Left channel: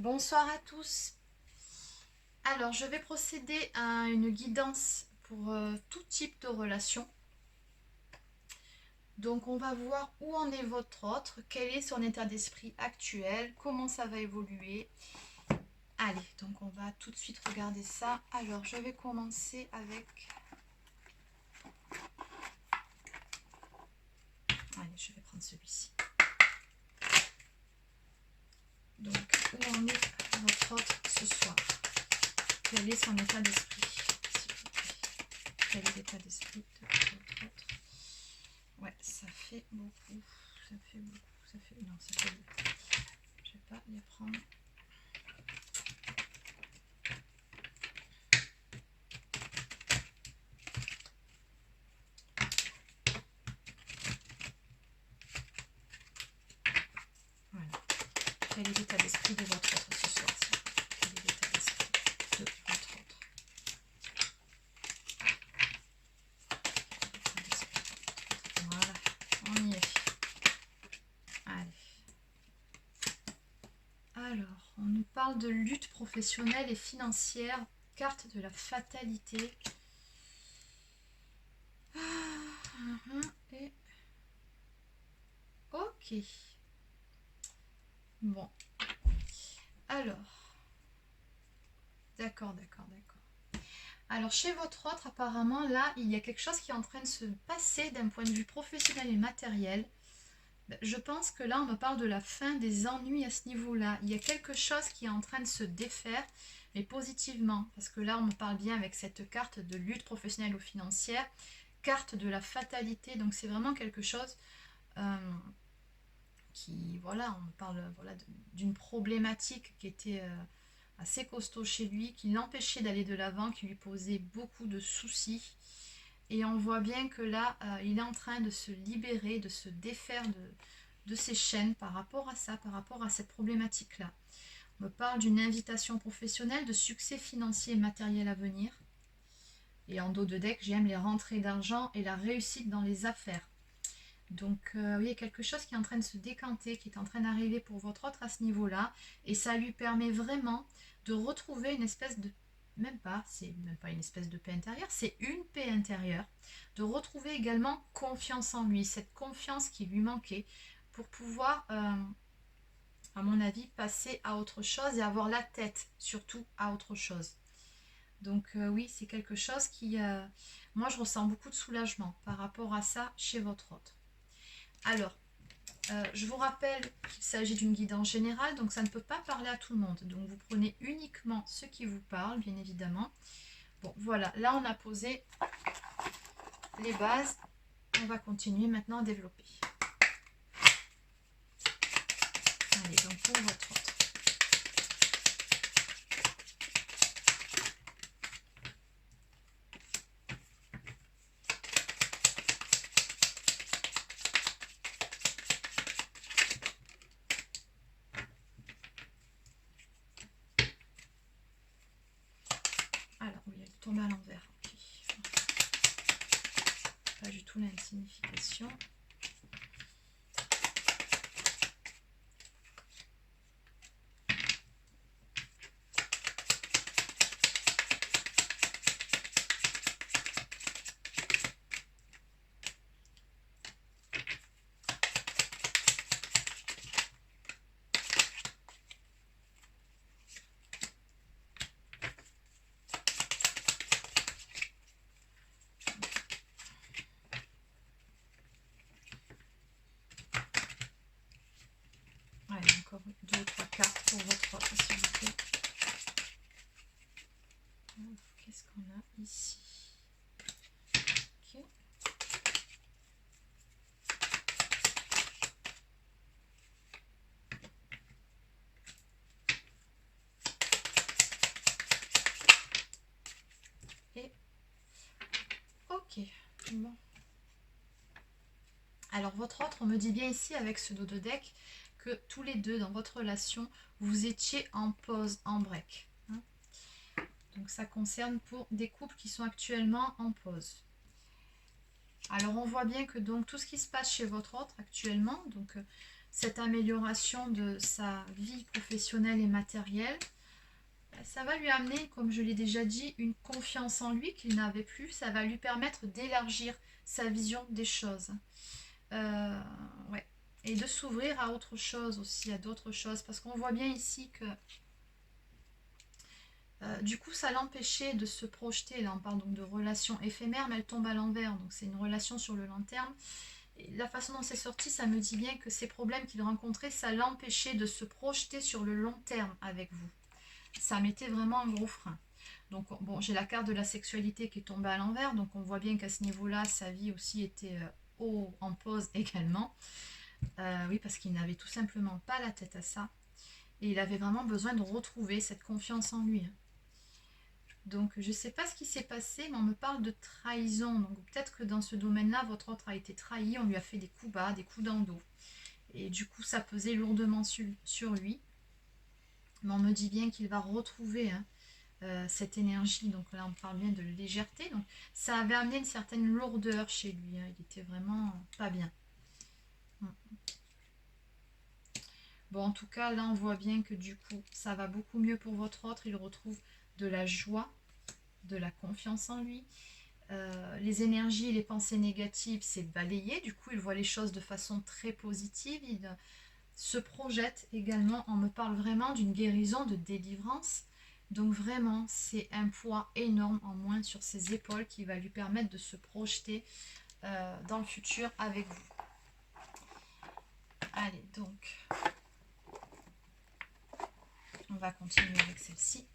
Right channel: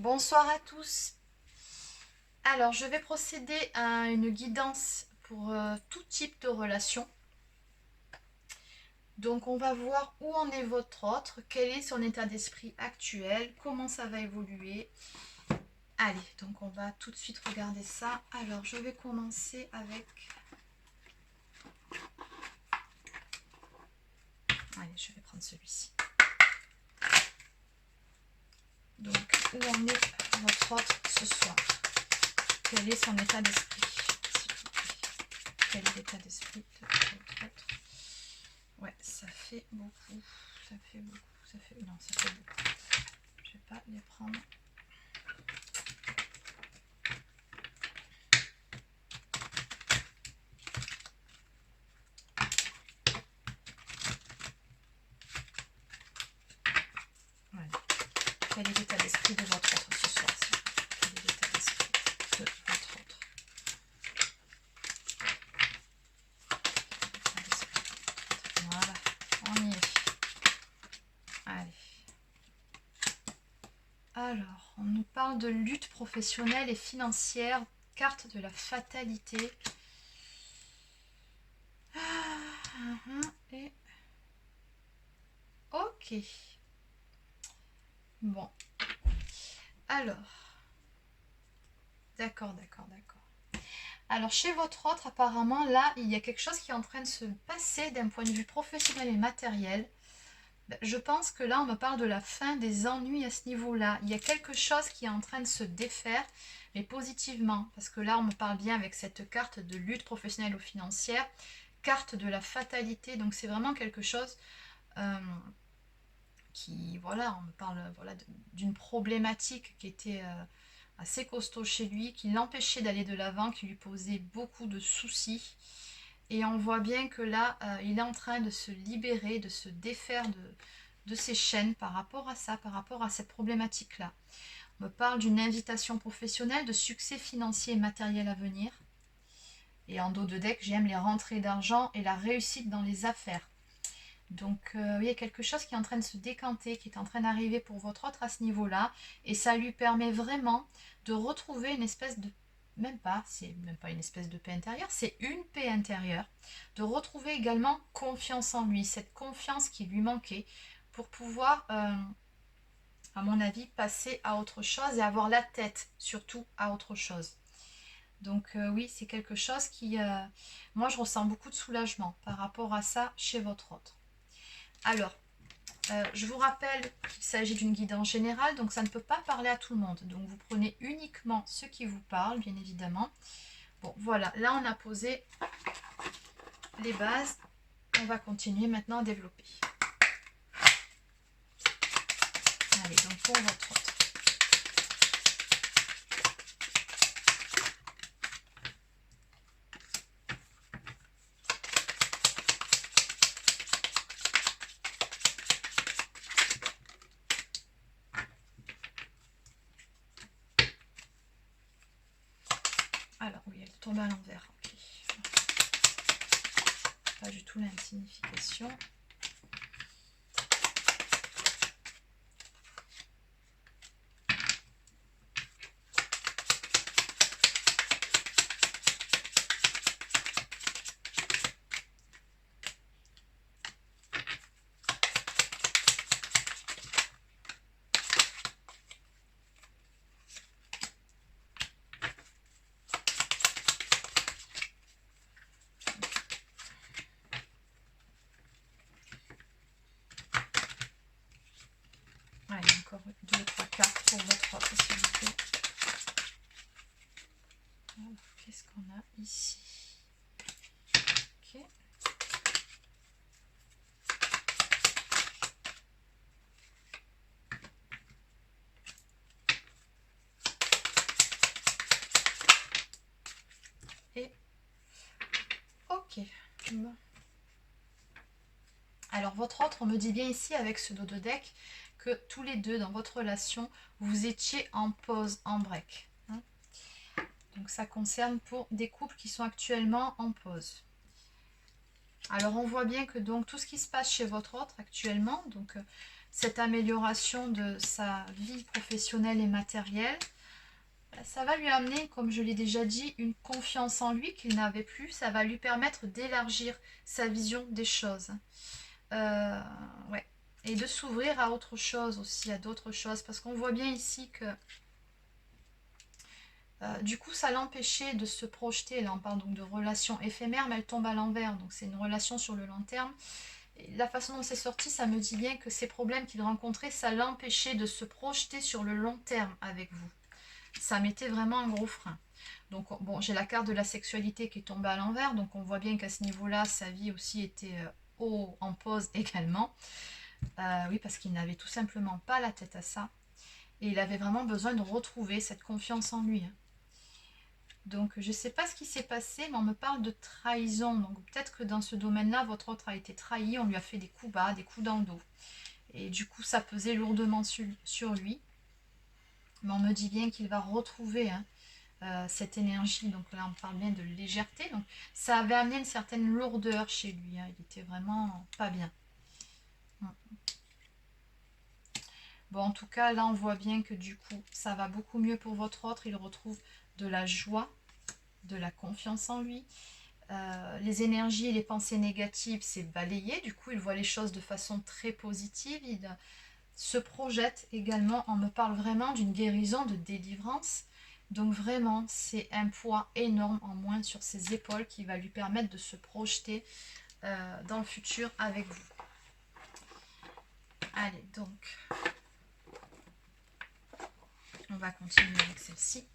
Bonsoir à tous. Alors, je vais procéder à une guidance pour tout type de relation. Donc, on va voir où en est votre autre, quel est son état d'esprit actuel, comment ça va évoluer. Allez, donc on va tout de suite regarder ça. Alors, je vais commencer avec... Allez, je vais prendre celui-ci. Donc, où en est votre autre ce soir? Quel est son état d'esprit, s'il vous plaît? Quel est l'état d'esprit de votre autre? Ouais, ça fait beaucoup. Ça fait beaucoup. Ça fait... Non, ça fait beaucoup. Je vais pas les prendre. Voilà. Quel est l'état d'esprit de votre autre ce soir? Quel est l'état d'esprit de votre autre? Voilà, on y est. Allez. Alors, on nous parle de lutte professionnelle et financière, carte de la fatalité. Et... Ok. Bon. Alors. D'accord. Alors, chez votre autre, apparemment, là, il y a quelque chose qui est en train de se passer d'un point de vue professionnel et matériel. Je pense que là, on me parle de la fin des ennuis à ce niveau-là. Il y a quelque chose qui est en train de se défaire, mais positivement. Parce que là, on me parle bien avec cette carte de lutte professionnelle ou financière, carte de la fatalité. Donc, c'est vraiment quelque chose qui, voilà, on me parle voilà, d'une problématique qui était assez costaud chez lui, qui l'empêchait d'aller de l'avant, qui lui posait beaucoup de soucis. Et on voit bien que là, il est en train de se libérer, de se défaire de ses chaînes par rapport à ça, par rapport à cette problématique-là. On me parle d'une invitation professionnelle, de succès financier et matériel à venir. Et en dos de deck, j'aime les rentrées d'argent et la réussite dans les affaires. Donc, oui, il y a quelque chose qui est en train de se décanter, qui est en train d'arriver pour votre autre à ce niveau-là. Et ça lui permet vraiment de retrouver une espèce de... c'est même pas une espèce de paix intérieure, c'est une paix intérieure. De retrouver également confiance en lui, cette confiance qui lui manquait pour pouvoir, à mon avis, passer à autre chose et avoir la tête surtout à autre chose. Donc oui, c'est quelque chose qui... moi, je ressens beaucoup de soulagement par rapport à ça chez votre autre. Alors, je vous rappelle qu'il s'agit d'une guidance générale, donc ça ne peut pas parler à tout le monde. Donc vous prenez uniquement ce qui vous parle, bien évidemment. Bon, voilà, là on a posé les bases. On va continuer maintenant à développer. Allez, donc pour votre autre. Alors oui, elle tombe à l'envers. Okay. Pas du tout la même signification. Allez, encore 2 ou 3 cartes pour votre autre, s'il vous plaît. Qu'est-ce qu'on a ici? Ok. Et ok. Bon. Alors votre autre, on me dit bien ici avec ce dos de deck que tous les deux dans votre relation, vous étiez en pause, en break. Hein. Donc ça concerne pour des couples qui sont actuellement en pause. Alors on voit bien que donc tout ce qui se passe chez votre autre actuellement, donc cette amélioration de sa vie professionnelle et matérielle, ça va lui amener, comme je l'ai déjà dit, une confiance en lui qu'il n'avait plus. Ça va lui permettre d'élargir sa vision des choses. Ouais. Et de s'ouvrir à autre chose aussi, à d'autres choses. Parce qu'on voit bien ici que du coup, ça l'empêchait de se projeter. Là, on parle donc de relations éphémères, mais elle tombe à l'envers. Donc, c'est une relation sur le long terme. Et la façon dont c'est sorti, ça me dit bien que ces problèmes qu'il rencontrait, ça l'empêchait de se projeter sur le long terme avec vous. Ça mettait vraiment un gros frein. Donc, bon, j'ai la carte de la sexualité qui est tombée à l'envers. Donc, on voit bien qu'à ce niveau-là, sa vie aussi était en pause également. Oui, parce qu'il n'avait tout simplement pas la tête à ça. Et il avait vraiment besoin de retrouver cette confiance en lui. Donc, je ne sais pas ce qui s'est passé, mais on me parle de trahison. Donc, peut-être que dans ce domaine-là, votre autre a été trahi. On lui a fait des coups bas, des coups dans le dos. Et du coup, ça pesait lourdement sur lui. Mais on me dit bien qu'il va retrouver cette énergie. Donc là, on parle bien de légèreté. Donc, ça avait amené une certaine lourdeur chez lui. Il était vraiment pas bien. Bon, en tout cas, là, on voit bien que du coup, ça va beaucoup mieux pour votre autre. Il retrouve de la joie, de la confiance en lui. Les énergies et les pensées négatives, c'est balayé. Du coup, il voit les choses de façon très positive. Il se projette également. On me parle vraiment d'une guérison, de délivrance. Donc vraiment, c'est un poids énorme en moins sur ses épaules qui va lui permettre de se projeter dans le futur avec vous. Allez, donc, on va continuer avec celle-ci.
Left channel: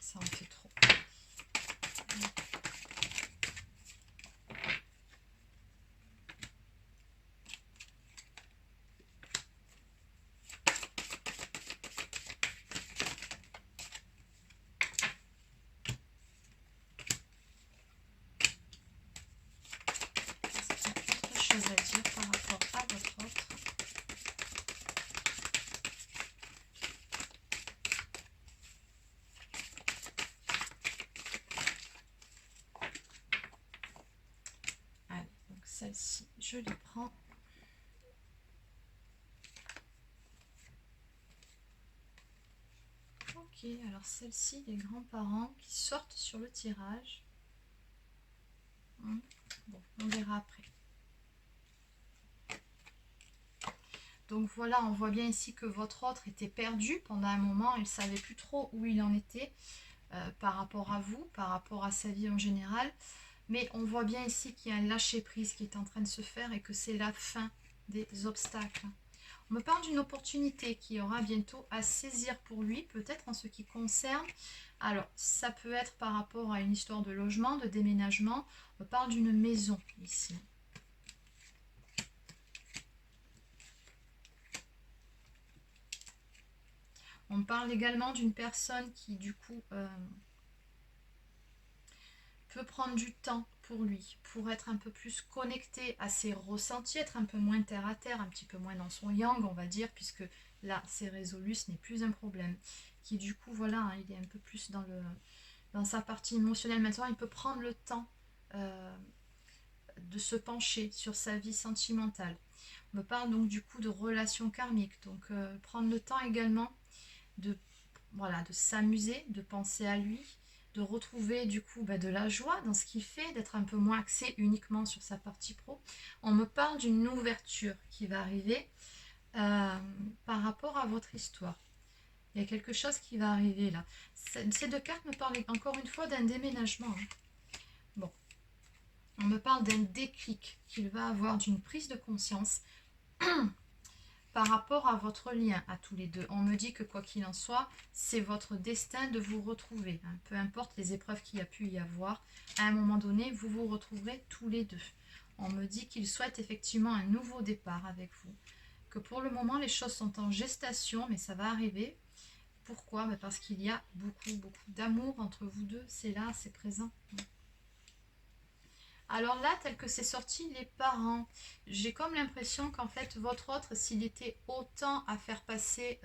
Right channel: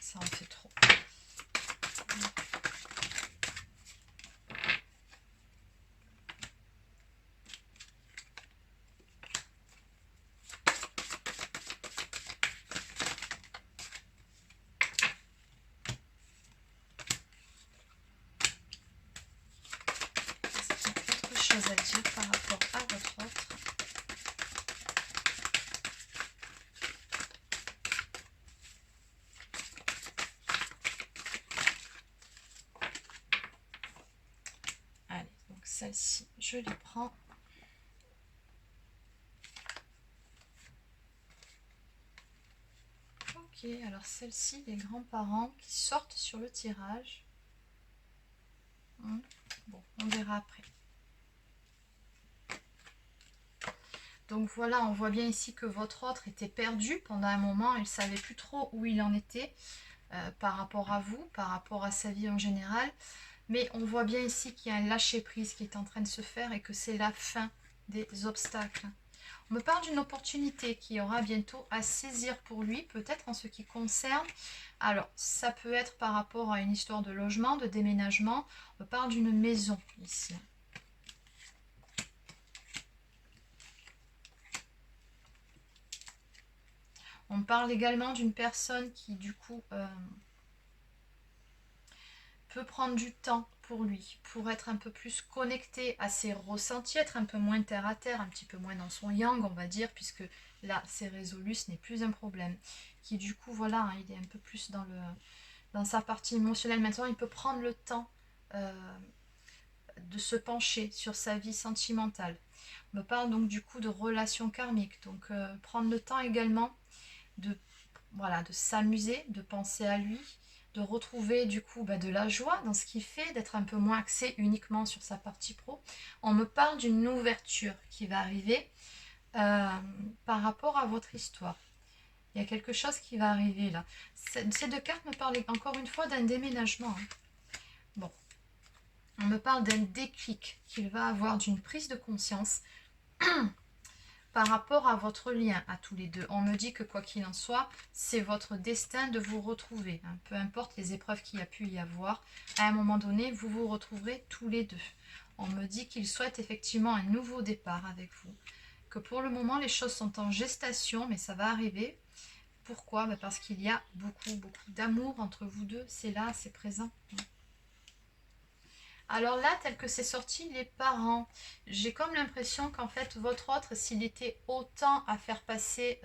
Ça en fait trop. Autre chose à dire par rapport à votre autre. Allez, donc celle-ci, je les prends. Ok, alors celle-ci, les grands-parents qui sortent sur le tirage. Bon, on verra après. Donc voilà, on voit bien ici que votre autre était perdu pendant un moment. Il ne savait plus trop où il en était par rapport à vous, par rapport à sa vie en général. Mais on voit bien ici qu'il y a un lâcher-prise qui est en train de se faire et que c'est la fin des obstacles. On me parle d'une opportunité qui aura bientôt à saisir pour lui, peut-être en ce qui concerne. Alors, ça peut être par rapport à une histoire de logement, de déménagement. On me parle d'une maison ici. On parle également d'une personne qui, du coup, peut prendre du temps pour lui, pour être un peu plus connecté à ses ressentis, être un peu moins terre à terre, un petit peu moins dans son yang, on va dire, puisque là, c'est résolu, ce n'est plus un problème. Qui, du coup, voilà, hein, il est un peu plus dans sa partie émotionnelle. Maintenant, il peut prendre le temps de se pencher sur sa vie sentimentale. On me parle donc du coup de relations karmiques. Donc, prendre le temps également de s'amuser, de penser à lui, de retrouver du coup de la joie dans ce qu'il fait, d'être un peu moins axé uniquement sur sa partie pro. On me parle d'une ouverture qui va arriver par rapport à votre histoire. Il y a quelque chose qui va arriver là. Ces deux cartes me parlent encore une fois d'un déménagement. Bon. On me parle d'un déclic qu'il va avoir, d'une prise de conscience par rapport à votre lien à tous les deux. On me dit que quoi qu'il en soit, c'est votre destin de vous retrouver. Hein. Peu importe les épreuves qu'il y a pu y avoir, à un moment donné, vous vous retrouverez tous les deux. On me dit qu'il souhaite effectivement un nouveau départ avec vous. Que pour le moment, les choses sont en gestation, mais ça va arriver. Pourquoi? Parce qu'il y a beaucoup d'amour entre vous deux. C'est là, c'est présent. Alors là, tel que c'est sorti, les parents, j'ai comme l'impression qu'en fait, votre autre, s'il était autant à faire passer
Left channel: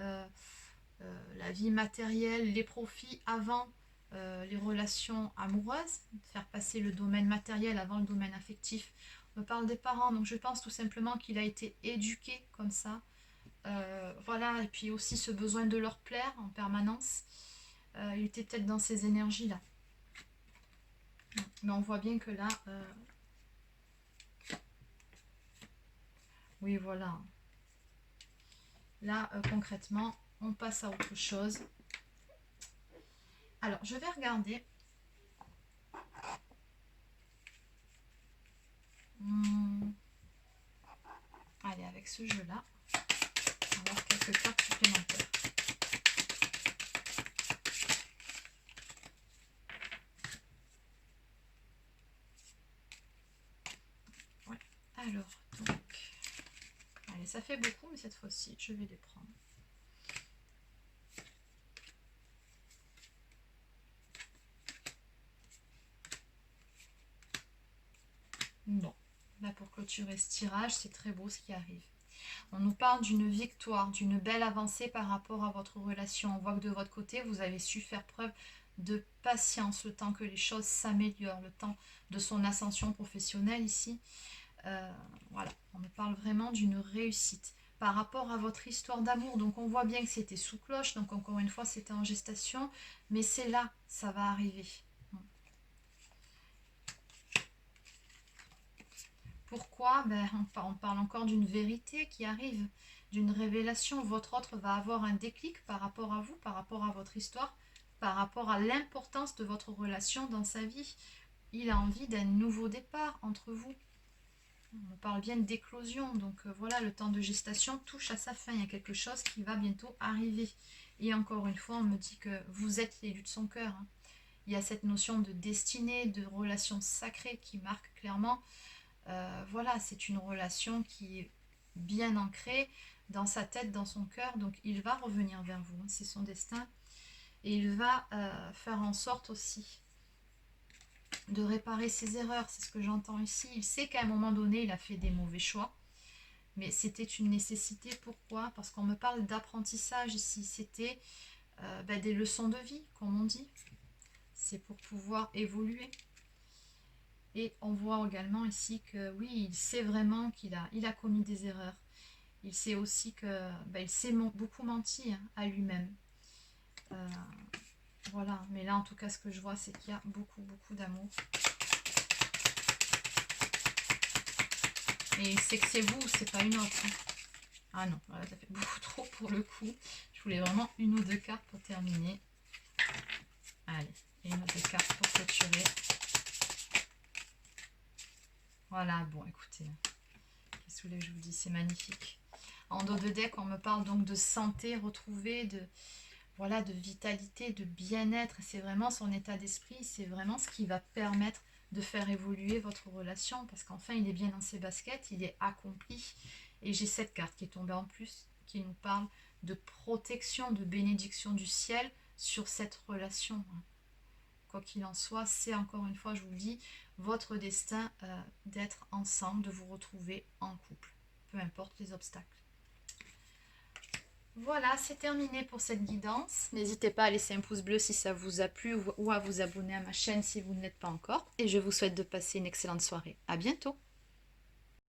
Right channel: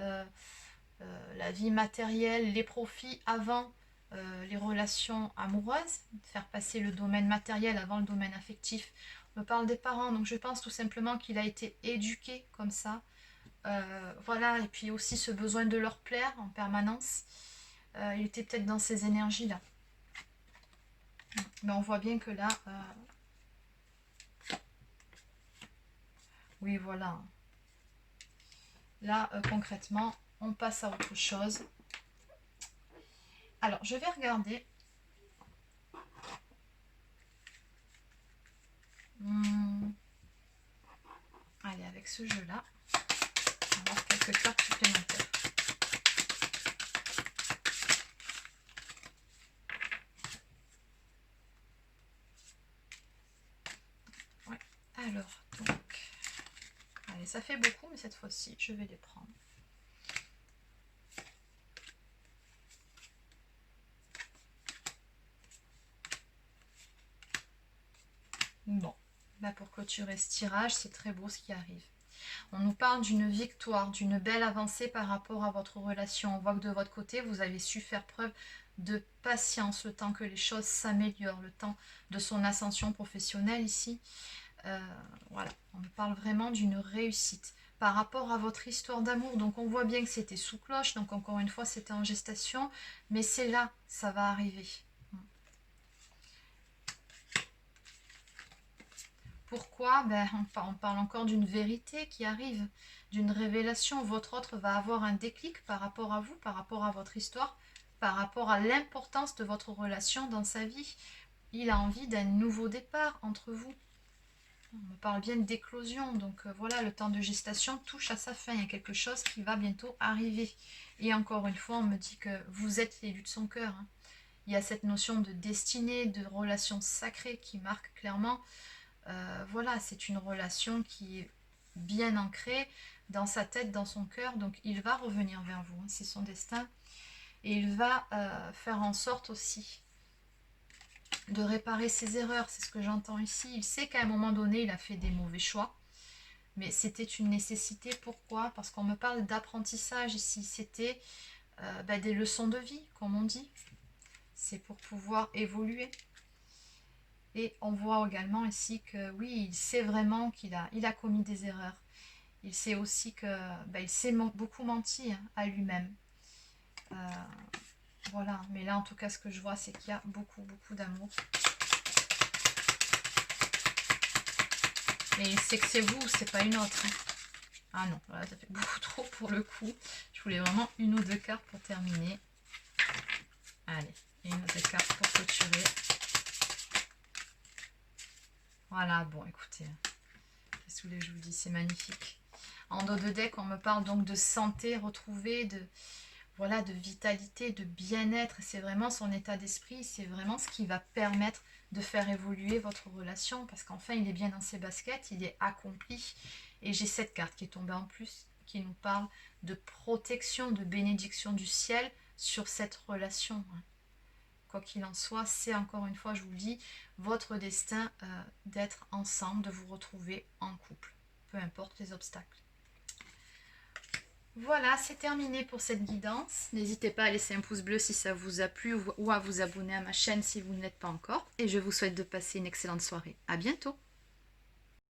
la vie matérielle, les profits avant les relations amoureuses, faire passer le domaine matériel avant le domaine affectif, on me parle des parents, donc je pense tout simplement qu'il a été éduqué comme ça. Voilà, et puis aussi ce besoin de leur plaire en permanence. Il était peut-être dans ces énergies-là. Mais on voit bien que là... oui, voilà. Là, concrètement, on passe à autre chose. Alors, je vais regarder. Allez, avec ce jeu-là, on va avoir quelques cartes supplémentaires. Ouais. Alors, donc... Allez, ça fait beaucoup, mais cette fois-ci, je vais les prendre. Bon, là pour clôturer ce tirage, c'est très beau ce qui arrive. On nous parle d'une victoire, d'une belle avancée par rapport à votre relation. On voit que de votre côté, vous avez su faire preuve de patience, le temps que les choses s'améliorent, le temps de son ascension professionnelle ici. Voilà, on me parle vraiment d'une réussite par rapport à votre histoire d'amour. Donc on voit bien que c'était sous cloche, donc encore une fois c'était en gestation, mais c'est là, ça va arriver. Pourquoi? On parle encore d'une vérité qui arrive, d'une révélation. Votre autre va avoir un déclic par rapport à vous, par rapport à votre histoire, par rapport à l'importance de votre relation dans sa vie. Il a envie d'un nouveau départ entre vous. On me parle bien d'éclosion, donc voilà, le temps de gestation touche à sa fin. Il y a quelque chose qui va bientôt arriver. Et encore une fois, on me dit que vous êtes l'élu de son cœur. Hein. Il y a cette notion de destinée, de relation sacrée qui marque clairement. Voilà, c'est une relation qui est bien ancrée dans sa tête, dans son cœur. Donc il va revenir vers vous, hein, c'est son destin. Et il va faire en sorte aussi de réparer ses erreurs, c'est ce que j'entends ici. Il sait qu'à un moment donné, il a fait des mauvais choix, mais c'était une nécessité. Pourquoi? Parce qu'on me parle d'apprentissage ici. C'était des leçons de vie, comme on dit. C'est pour pouvoir évoluer. Et on voit également ici que oui, il sait vraiment qu'il a commis des erreurs. Il sait aussi qu'il s'est beaucoup menti hein, à lui-même. Voilà, mais là en tout cas ce que je vois c'est qu'il y a beaucoup d'amour. Et il sait que c'est vous, c'est pas une autre. Hein. Ah non, voilà, ça fait beaucoup trop pour le coup. Je voulais vraiment une ou deux cartes pour terminer. Allez, une ou deux cartes pour clôturer. Voilà, bon écoutez, qu'est-ce que je vous dis, c'est magnifique. En dos de deck, on me parle donc de santé retrouvée, de vitalité, de bien-être. C'est vraiment son état d'esprit, c'est vraiment ce qui va permettre de faire évoluer votre relation. Parce qu'enfin, il est bien dans ses baskets, il est accompli. Et j'ai cette carte qui est tombée en plus, qui nous parle de protection, de bénédiction du ciel sur cette relation. Quoi qu'il en soit, c'est encore une fois, je vous le dis, votre destin d'être ensemble, de vous retrouver en couple, peu importe les obstacles. Voilà, c'est terminé pour cette guidance. N'hésitez pas à laisser un pouce bleu si ça vous a plu ou à vous abonner à ma chaîne si vous ne l'êtes pas encore. Et je vous souhaite de passer une excellente soirée. À bientôt!